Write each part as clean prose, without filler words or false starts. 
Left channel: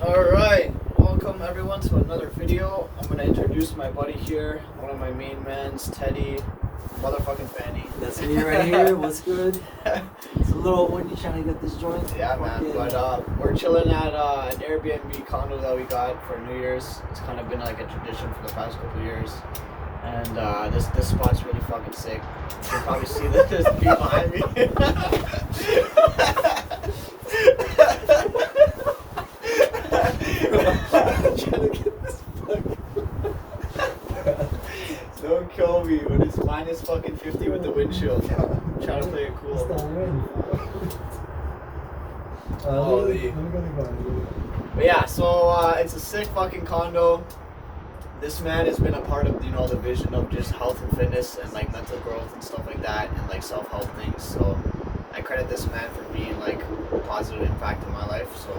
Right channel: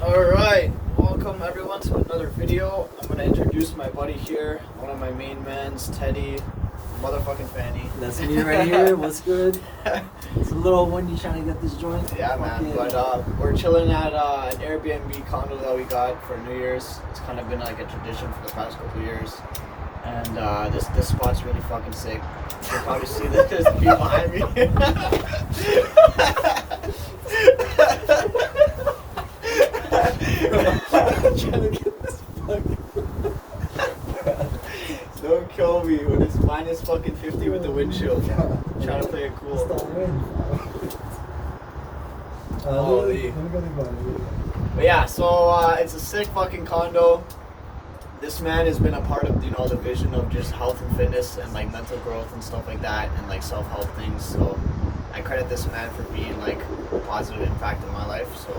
Alright, welcome everyone to another video. I'm gonna introduce my buddy here, one of my main mans, Teddy, motherfucking Fanny. That's me right here. What's good? It's a little windy trying to get this joint. Yeah, man. But we're chilling at an Airbnb condo that we got for New Year's. It's kind of been like a tradition for the past couple years. And this spot's really fucking sick. You can probably see that there's view behind me. Trying to get this Don't kill me when it's minus fucking 50 with the windshield. Trying to play it cool. Holy. But yeah, so it's a sick fucking condo. This man has been a part of, the vision of just health and fitness and like mental growth and stuff like that and like self-help things. So I credit this man for being like a positive impact in my life. So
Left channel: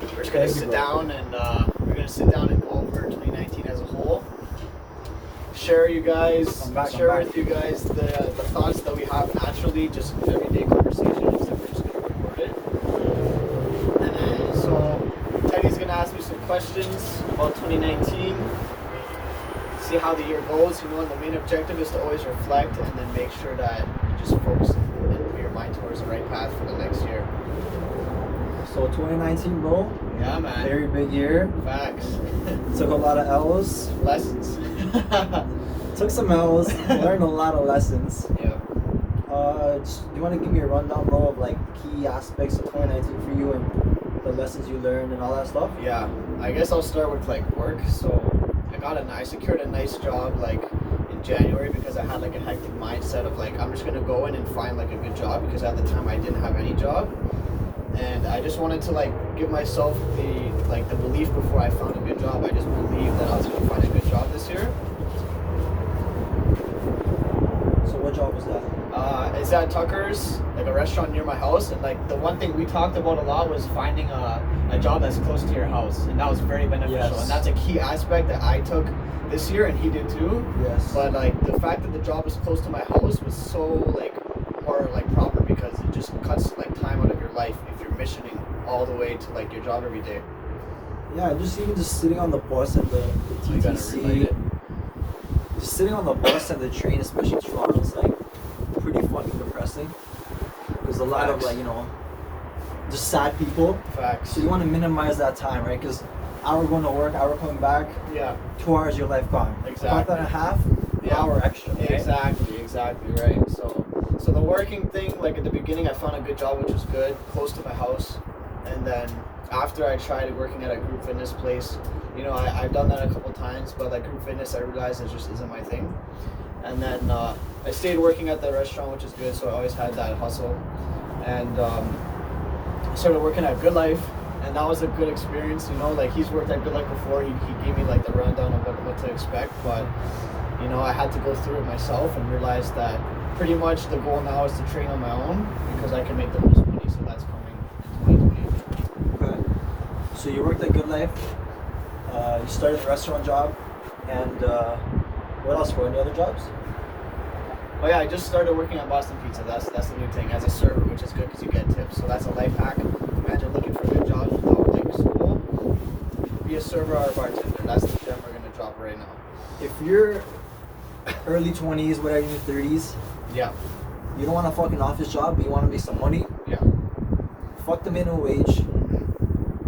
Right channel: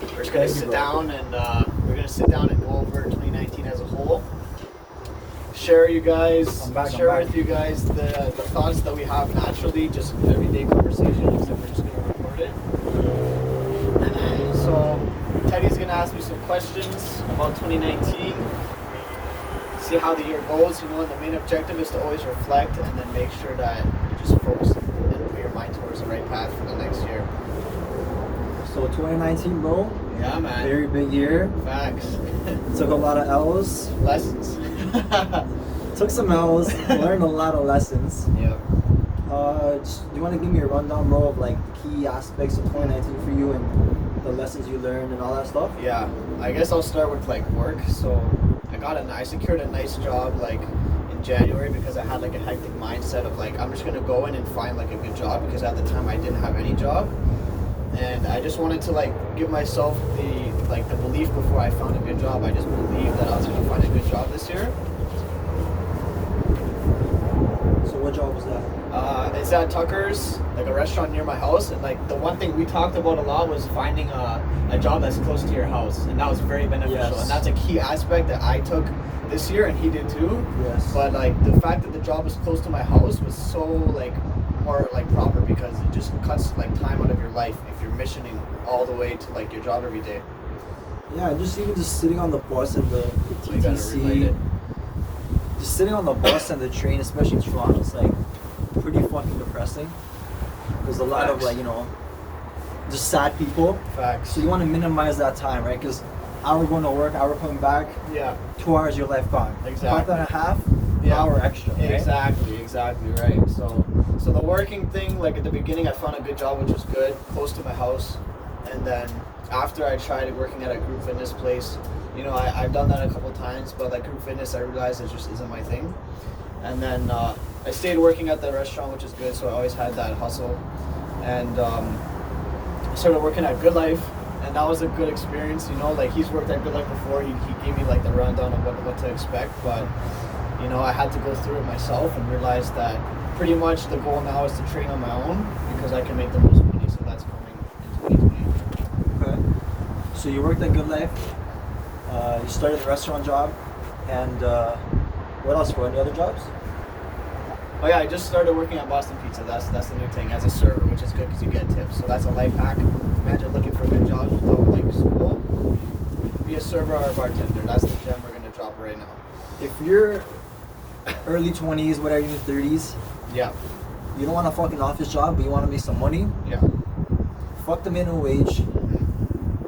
we're just gonna sit down and go over 2019 as a whole. Share with you guys the thoughts that we have naturally, just in everyday conversations, and we're just gonna record it. So Teddy's gonna ask me some questions about 2019. See how the year goes, and the main objective is to always reflect and then make sure that you just focus and put your mind towards the right path for the next year. So 2019, bro. Yeah, man. Very big year. Facts. Took a lot of L's. Lessons. Took some L's. Learned a lot of lessons. Yeah. Do you want to give me a rundown, bro, of like key aspects of 2019 for you and the lessons you learned and all that stuff? Yeah. I guess I'll start with like work. So I secured a nice job like in January because I had like a hectic mindset of like I'm just gonna go in and find like a good job because at the time I didn't have any job, and I just wanted to like give myself the belief before I found a good job. I just believed that I was gonna find a good job this year. So what job was that? It's at Tucker's, like a restaurant near my house, and like the one thing we talked about a lot was finding a job that's close to your house, and that was very beneficial. Yes. And that's a key aspect that I took this year, and he did too. Yes. But like the fact that the job was close to my house was so like more like proper because it just cuts like time out of your life if you're missioning all the way to like your job every day. Yeah, just sitting on the bus and the So you gotta relate TTC. it. Just sitting on the bus and the train, especially Toronto, it's like pretty fucking depressing. There's a lot of Facts. like, just sad people. Facts. So you want to minimize that time, right? Because hour going to work, hour coming back, Yeah. 2 hours your life gone. Exactly. 5.5 Yeah. hour extra. Right? Exactly, right. So the working thing, like at the beginning, I found a good job, which was good, close to my house. And then after I tried working at a group fitness place, I've done that a couple times, but like group fitness, I realized it just isn't my thing. And then I stayed working at the restaurant, which is good, so I always had that hustle. And I started working at Good Life, and that was a good experience. Like he's worked at Good Life before. He gave me like the rundown of what to expect, but I had to go through it myself and realize that pretty much the goal now is to train on my own because I can make the most money. So that's coming in 2020. Okay. So you worked at Good Life. You started the restaurant job, and what else? For any other jobs? Oh yeah, I just started working at Boston Pizza. That's the new thing as a server, which is good because you get tips. So that's a life hack. Imagine looking for a good job without like school. Be a server or a bartender. That's the gem we're gonna drop right now. If you're early 20s, whatever, even 30s, Yeah. you don't want a fucking office job, but you want to make some money, Yeah. fuck the minimum wage,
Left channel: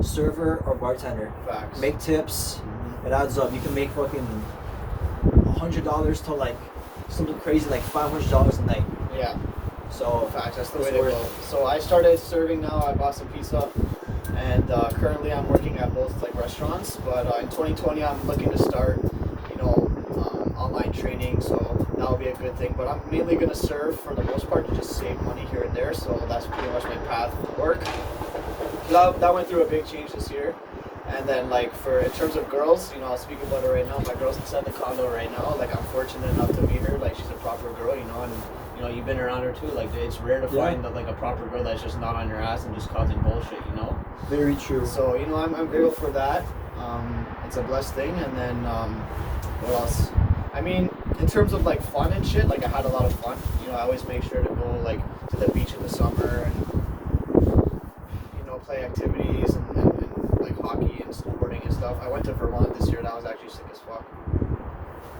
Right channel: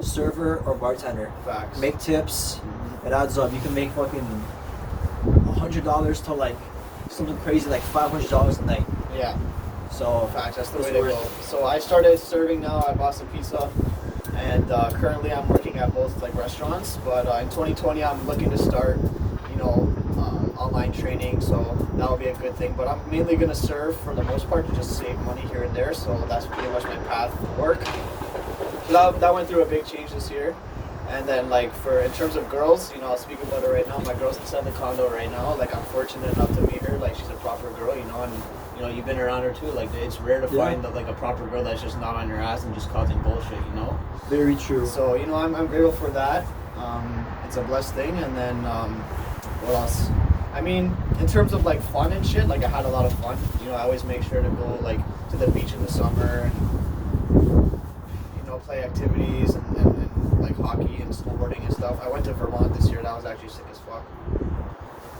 server or bartender. Facts. Make tips, it adds up. You can make fucking $100 to like something crazy like $500 a night. Yeah. So Facts. That's the it's way to worth go. it. So I started serving now at Boston Pizza, and currently I'm working at both like restaurants. But in 2020, I'm looking to start, online training. So that will be a good thing. But I'm mainly gonna serve for the most part to just save money here and there. So that's pretty much my path to work. That went through a big change this year. And then like in terms of girls, I'll speak about it right now. My girl's inside the condo right now. Like I'm fortunate enough to meet her. Like she's a proper girl, and you've been around her too. Like it's rare to find like a proper girl that's just not on your ass and just causing bullshit, Very true. So I'm grateful for that. It's a blessed thing. And then what else? I mean, in terms of like fun and shit, like I had a lot of fun. I always make sure to go like to the beach in the summer and play activities and like hockey and stuff. I went to Vermont this year, and I was actually sick as fuck.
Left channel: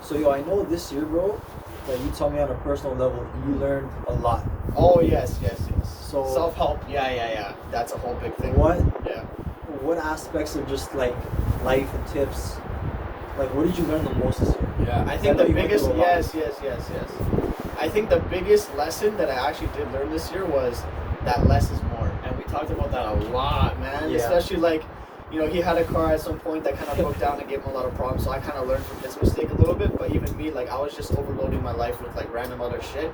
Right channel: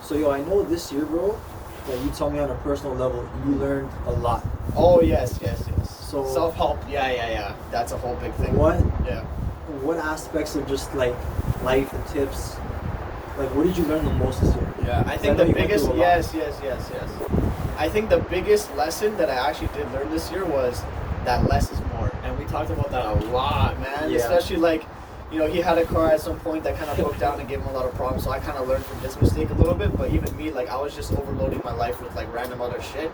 So yo, I know this year, bro, that you told me on a personal level, you learned a lot. Oh yes. So Self-help, yeah. That's a whole big thing. What aspects of just like life and tips, like what did you learn the most this year? Yeah, I think the biggest, yes. I think the biggest lesson that I actually did learn this year was that less is more. And we talked about that a lot, man. Yeah. Especially like, you know, he had a car at some point that kind of broke down and gave him a lot of problems. So I kind of learned from his mistake a little bit. But even me, like I was just overloading my life with like random other shit.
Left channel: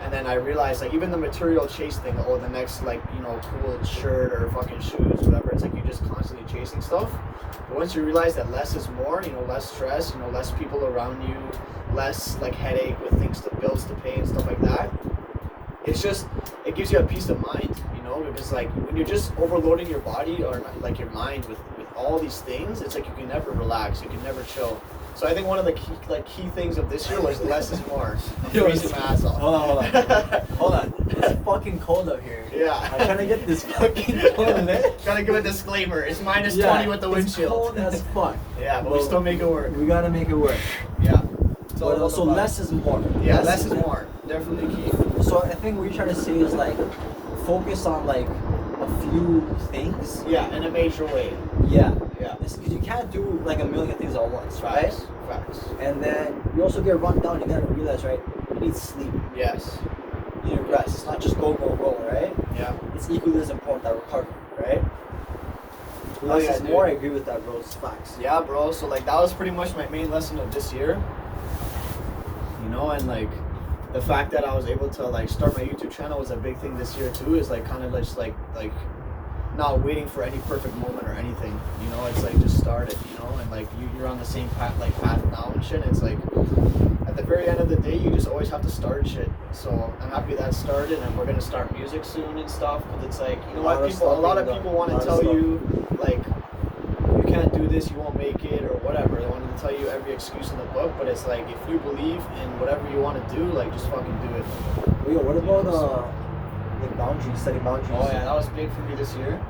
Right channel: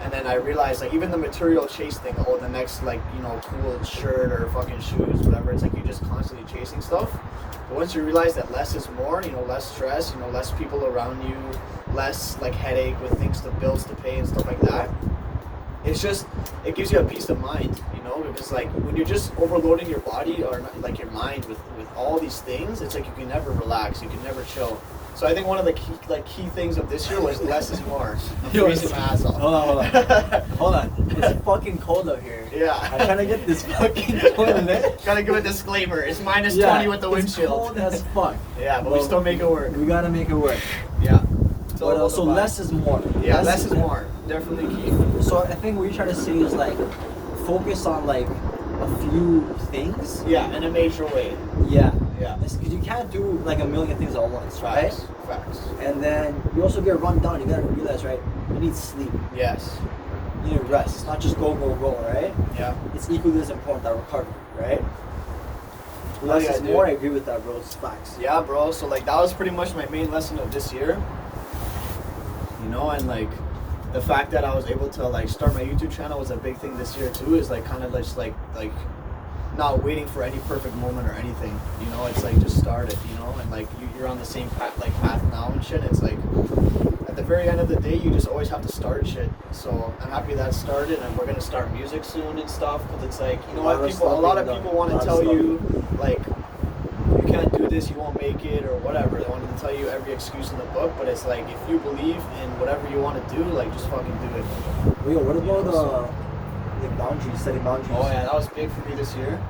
And then I realized like even the material chase thing, oh, the next like, you know, cool shirt or fucking shoes, whatever. It's like you're just constantly chasing stuff. But once you realize that less is more, you know, less stress, you know, less people around you, less like headache with things, the bills to pay and stuff like that. It's just, it gives you a peace of mind, you know, because like when you're just overloading your body or like your mind with all these things, it's like you can never relax, you can never chill. So I think one of the key things of this year was less is more. I'm freezing my ass off. Hold on. It's fucking cold out here. Yeah. I'm trying to get this fucking toilet. Trying to give a disclaimer. It's minus 20 with the windshield. It's cold as fuck. Yeah, but we still make it work. We gotta make it work. Yeah. But also less is more. Yeah, less is more. Definitely key. So I think what you're trying to say is like focus on like a few things. Yeah, in a major way. Yeah. Because you can't do like a million things at once, right? Facts. And then you also get run down. You gotta realize, right? You need sleep. Yes. You need rest. It's not just go, right? Yeah. It's equally as important that recovery, right? Less is more. I agree with that, bro. It's facts. Yeah, bro. So like that was pretty much my main lesson of this year. You know, and like the fact that I was able to like start my YouTube channel was a big thing this year too. Is like kind of just like not waiting for any perfect moment or anything. You know, it's like just start it. You know, and like you're on the same path now and shit. It's like at the very end of the day, you just always have to start shit. So I'm happy that started, and we're gonna start music soon and stuff. Because it's like, you know what, a lot of people want to tell you like you can't do this, you won't make it, or whatever. They want to tell you every excuse in the book, but it's like if you believe in whatever you want to do, like just fucking do it. Wait, what about the boundaries, setting boundaries? Oh yeah, that was big for me this year.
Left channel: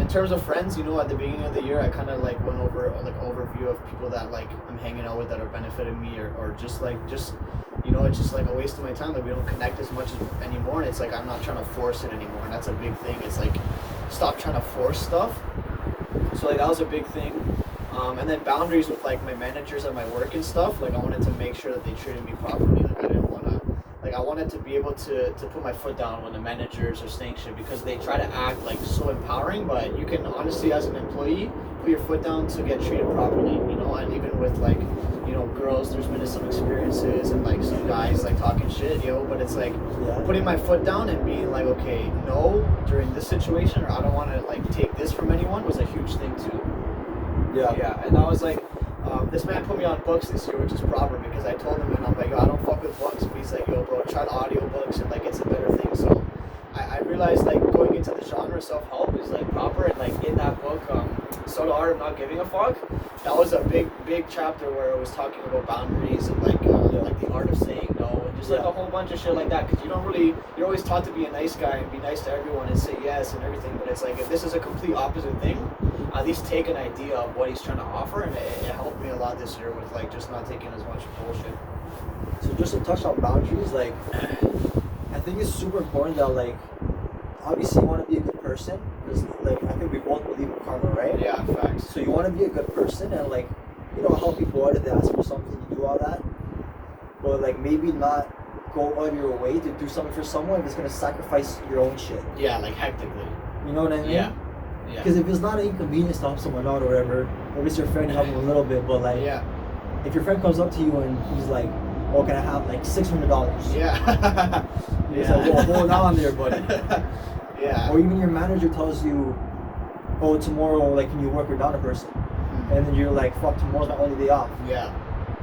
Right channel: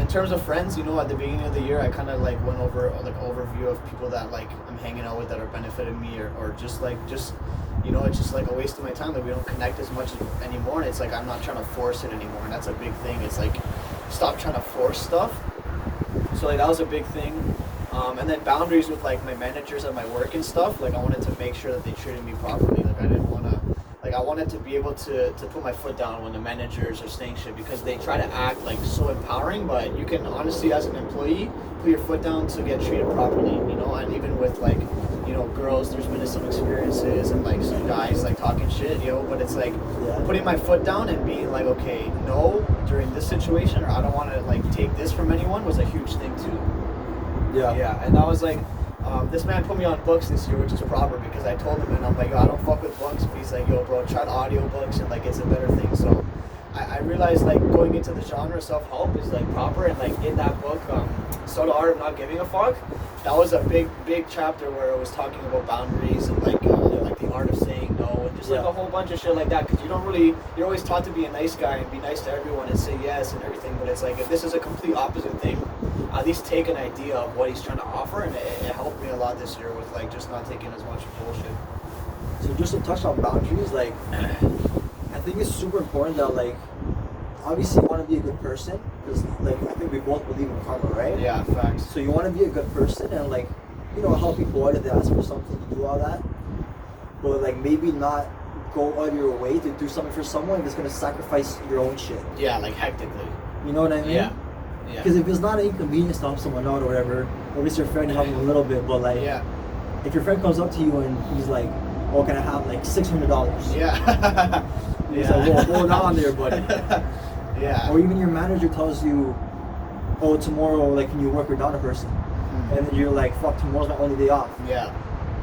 In terms of friends, you know, at the beginning of the year, I kind of like went over like overview of people that like I'm hanging out with that are benefiting me, or just you know, it's just like a waste of my time. Like we don't connect as much anymore, and it's like I'm not trying to force it anymore, and that's a big thing. It's like stop trying to force stuff. So like that was a big thing. And then boundaries with like my managers at my work and stuff. Like I wanted to make sure that they treated me properly. Like I didn't want to. Like I wanted to be able to put my foot down when the managers are saying shit, because they try to act like so empowering, but you can honestly as an employee put your foot down to get treated properly, you know. And even with like, you know, girls, there's been some experiences and like some guys like talking shit, you know, but it's like putting my foot down and being like, okay, no, during this situation, or I don't want to like take this from anyone, was a huge thing too. Yeah, and I was like, this man put me on books this year, which is proper, because I told him, and I'm like, yo, I don't fuck with books. But he's like, yo, bro, try the audiobooks, and like it's a better thing. So I realized like going into the genre self-help is like proper, and like in that book, So the Art of Not Giving a Fuck, that was a big chapter where it was talking about boundaries and like the art of saying no, and just like a whole bunch of shit like that. Because you're always taught to be a nice guy and be nice to everyone and say yes and everything, but it's like if this is a complete opposite thing, at least take an idea of what he's trying to offer, and it helped me a lot this year with like just not taking as much bullshit. So just to touch on boundaries, like I think it's super important that like obviously you want to be a good person, because like I think we both believe in karma, right? Yeah, facts. So you want to be a good person and like, you know, help people out if they ask for something, you do all that, but like maybe not go out of your way to do something for someone if it's gonna sacrifice your own shit. Yeah, like hectically. You know what I mean? Yeah. Because if it's not an inconvenience to help someone out or whatever, at least your friend help them a little bit. But like, if your friend comes up to you and he's like, "Oh, can I have like $600?" Yeah. He's like, "Well, hold on there, buddy." Yeah. Or even your manager tells you, "Oh, tomorrow, like, can you work without a person?" And then you're like, "Fuck, tomorrow's my only day off." Yeah.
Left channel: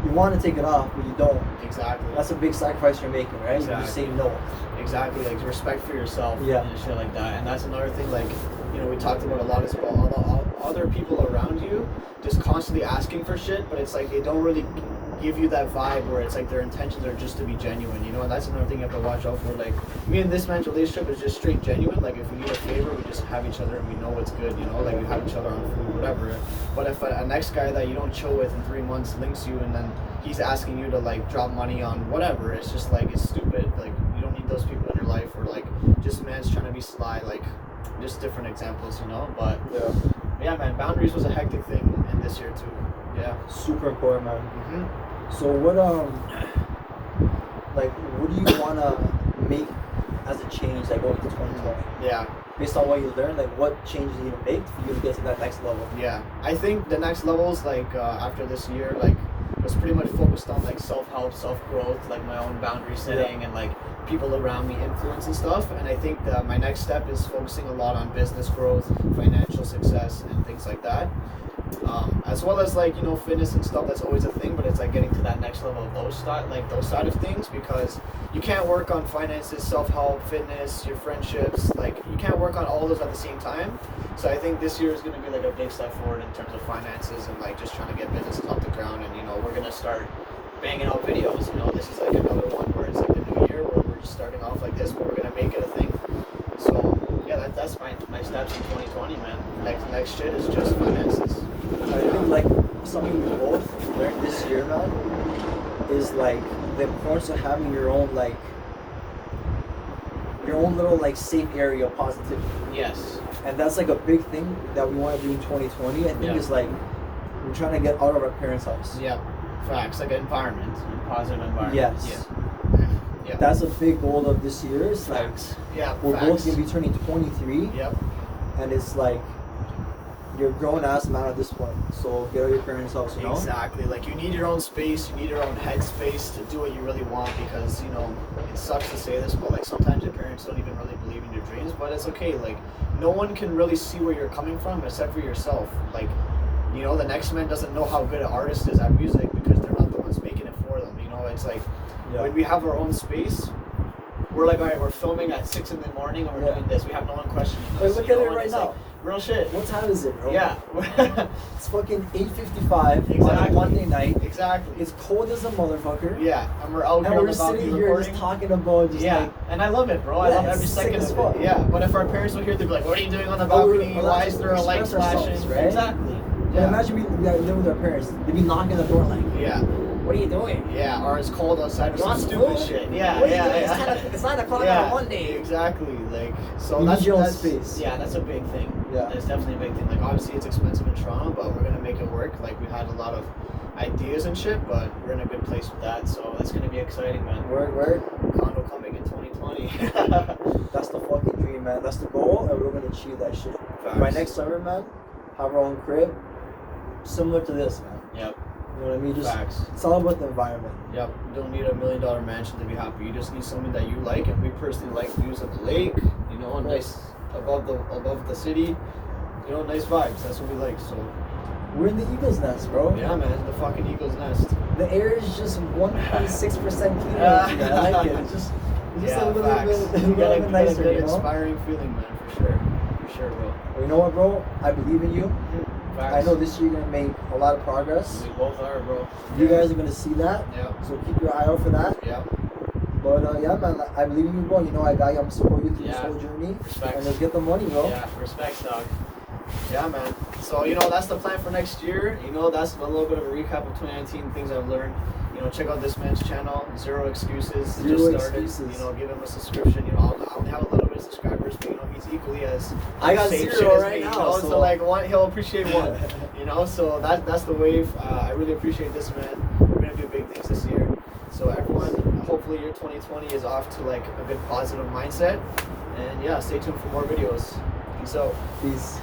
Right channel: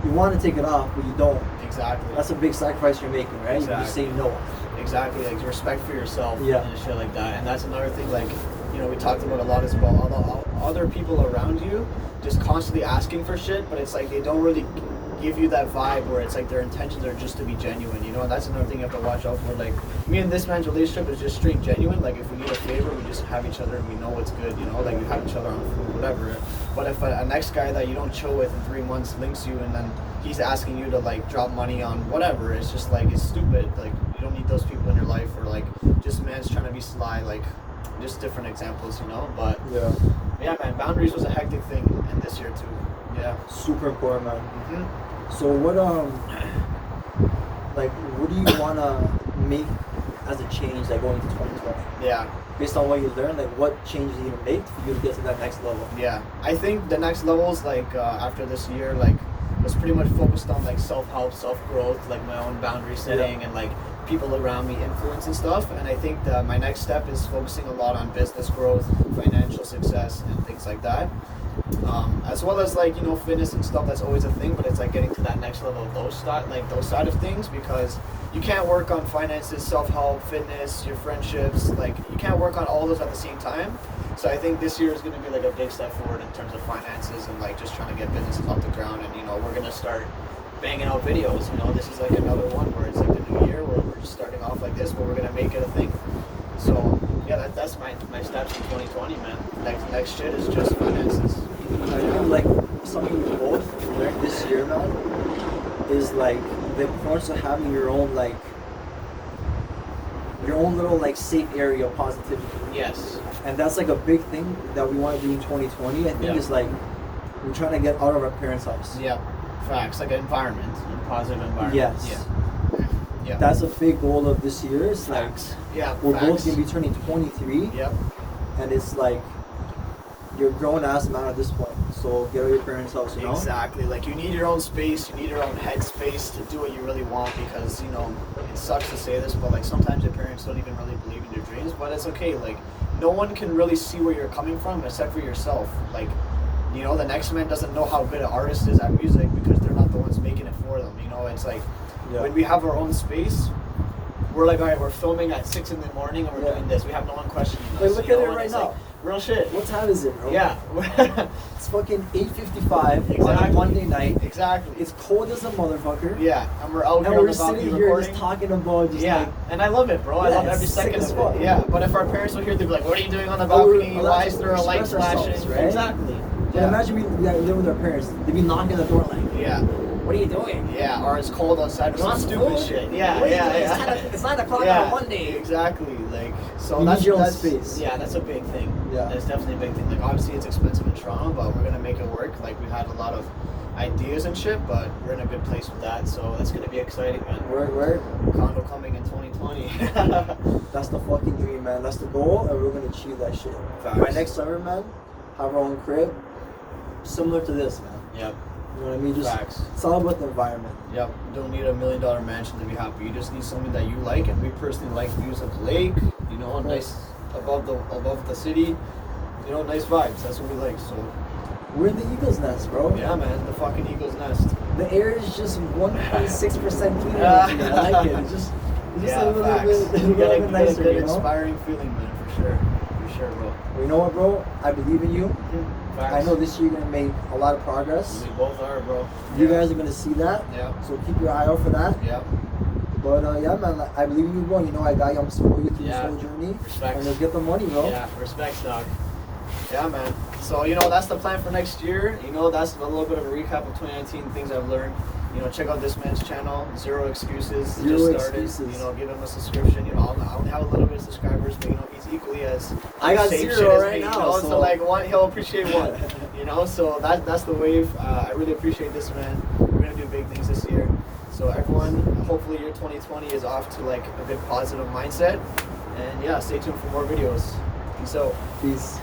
You want to take it off, but you don't. Exactly. That's a big sacrifice you're making, right? Exactly. You just say no. Exactly. Like respect for yourself. Yeah. And shit like that. And that's another thing. Like, you know, we talked about a lot as well. other people around you just constantly asking for shit, but it's like they don't really give you that vibe where it's like their intentions are just to be genuine, you know. And that's another thing you have to watch out for. Like me and this man's relationship is just straight genuine. Like if we need a favor, we just have each other and we know what's good, you know. Like we have each other on food, whatever. But if a next guy that you don't chill with in 3 months links you and then he's asking you to like drop money on whatever, it's just like it's stupid. Like you don't need those people in your life. Or like just man's trying to be sly. Like just different examples, you know. But yeah, man, boundaries was a hectic thing in this year too. Yeah, super important, man. So what like what do you wanna make as a change like going to 2020? Yeah. Based on what you learned, like what change do you need to make for you to get to that next level? Yeah, I think the next levels like after this year like was pretty much focused on like self-help, self-growth, like my own boundary setting and like people around me influence and stuff. And I think that my next step is focusing a lot on business growth, financial success, and things like that. As well as like, you know, fitness and stuff, that's always a thing, but it's like getting to that next level of those side of things, because you can't work on finances, self-help, fitness, your friendships, like you can't work on all those at the same time. So I think this year is going to be like a big step forward in terms of finances and like just trying to get businesses off the ground. And you know, we're going to start banging out videos, you know. This is like another one where it's like the new year where we're just starting off like this, but we're going to make it a thing. So yeah, that's my steps in 2020, man. Next shit is just finances. I feel like something we both learned this year, man, is like the importance of having your own little like safe area of positivity. Yes. And that's like a big thing that we want to do in 2020. I think is like we're trying to get out of our parents' house. Yeah. Facts, like an environment, a positive environment. Yes. Yeah. That's a big goal of this year. It's like we're both gonna be turning 23. Yep. And it's like you're a grown ass man at this point, so get out of your parents' house, you know? Exactly. Like you need your own space, you need your own head space to do what you really want, because you know, it sucks to say this, but like sometimes your parents don't even really believe in your dreams, but it's okay. Like no one can really see where you're coming from except for yourself. Like, you know, the next man doesn't know how good an artist is at music because they're not the ones making it for them. You know, it's like when we have our own space, we're like, all right, we're filming at 6 in the morning and we're doing this. We have no one questioning us. Hey, look at it right now. Like, real shit. What time is it, bro? Yeah. It's fucking 8:55 on a Monday night. Exactly. It's cold as a motherfucker. Yeah. And we're out here and on we're the balcony sitting here recording. just talking about just like... And I love it, bro. I love every second of it. Yeah. But if our parents were here, they'd be like, what are you doing on the balcony? Why is there a light flashing? Right? Exactly. Yeah. Imagine we live with our parents. They'd be knocking on the door like... Yeah. What are you doing? Yeah, or it's cold outside or some stupid cold? shit. Yeah. It's 9 o'clock on a Monday. Exactly. Like, so you that's need your own that's space. Yeah, that's a big thing. Yeah. It's definitely a big thing. Like, obviously it's expensive in Toronto, but we're gonna make it work. Like, we had a lot of ideas and shit, but we're in a good place with that. So that's gonna be exciting, man. Right. Condo coming in 2020. That's the fucking dream, man. That's the goal, and we're gonna achieve that shit. Facts. By next summer, man, have our own crib, similar to this, man. Yep. You know what I mean? Just Facts. it's all about the environment. Yep. You don't need $1 million mansion to be happy. You just need something that you like, and we personally like views of the lake. You know, nice above the city. You know, nice vibes. That's what we like. So we're in the Eagle's Nest, bro. yeah, man, the fucking Eagle's Nest. The air is just 1.6% cleaner. I like it. It's just a little bit nicer, good, you know? inspiring feeling, man, for sure. For sure, bro. Well, you know what, bro? I believe in you. Facts. I know this year you're gonna make a lot of progress. We both are, bro. You guys are gonna see that. Yeah. So keep your eye out for that. Yeah. But yeah, man, I believe in you, bro. You know I got you. I'm support you through this whole journey. Respect. And let's get the money, bro. Yeah, respect, dog. Yeah, man. So, you know, that's the plan for next year. You know, that's a little bit of a recap of 2019, things I've learned. You know, check out this man's channel, Zero Excuses. Zero Just started. Excuses. You know, give him a subscription. You know, I only have a little bit of subscribers, but you know, he's equally as I got same 0 shit as right me, now. You know? So So like one, he'll appreciate one. You know, so that's the wave. I really appreciate this, man. We're gonna do big things this year. So everyone, hopefully your 2020 is off to like a good positive mindset. And yeah, stay tuned for more videos. Peace out. Peace.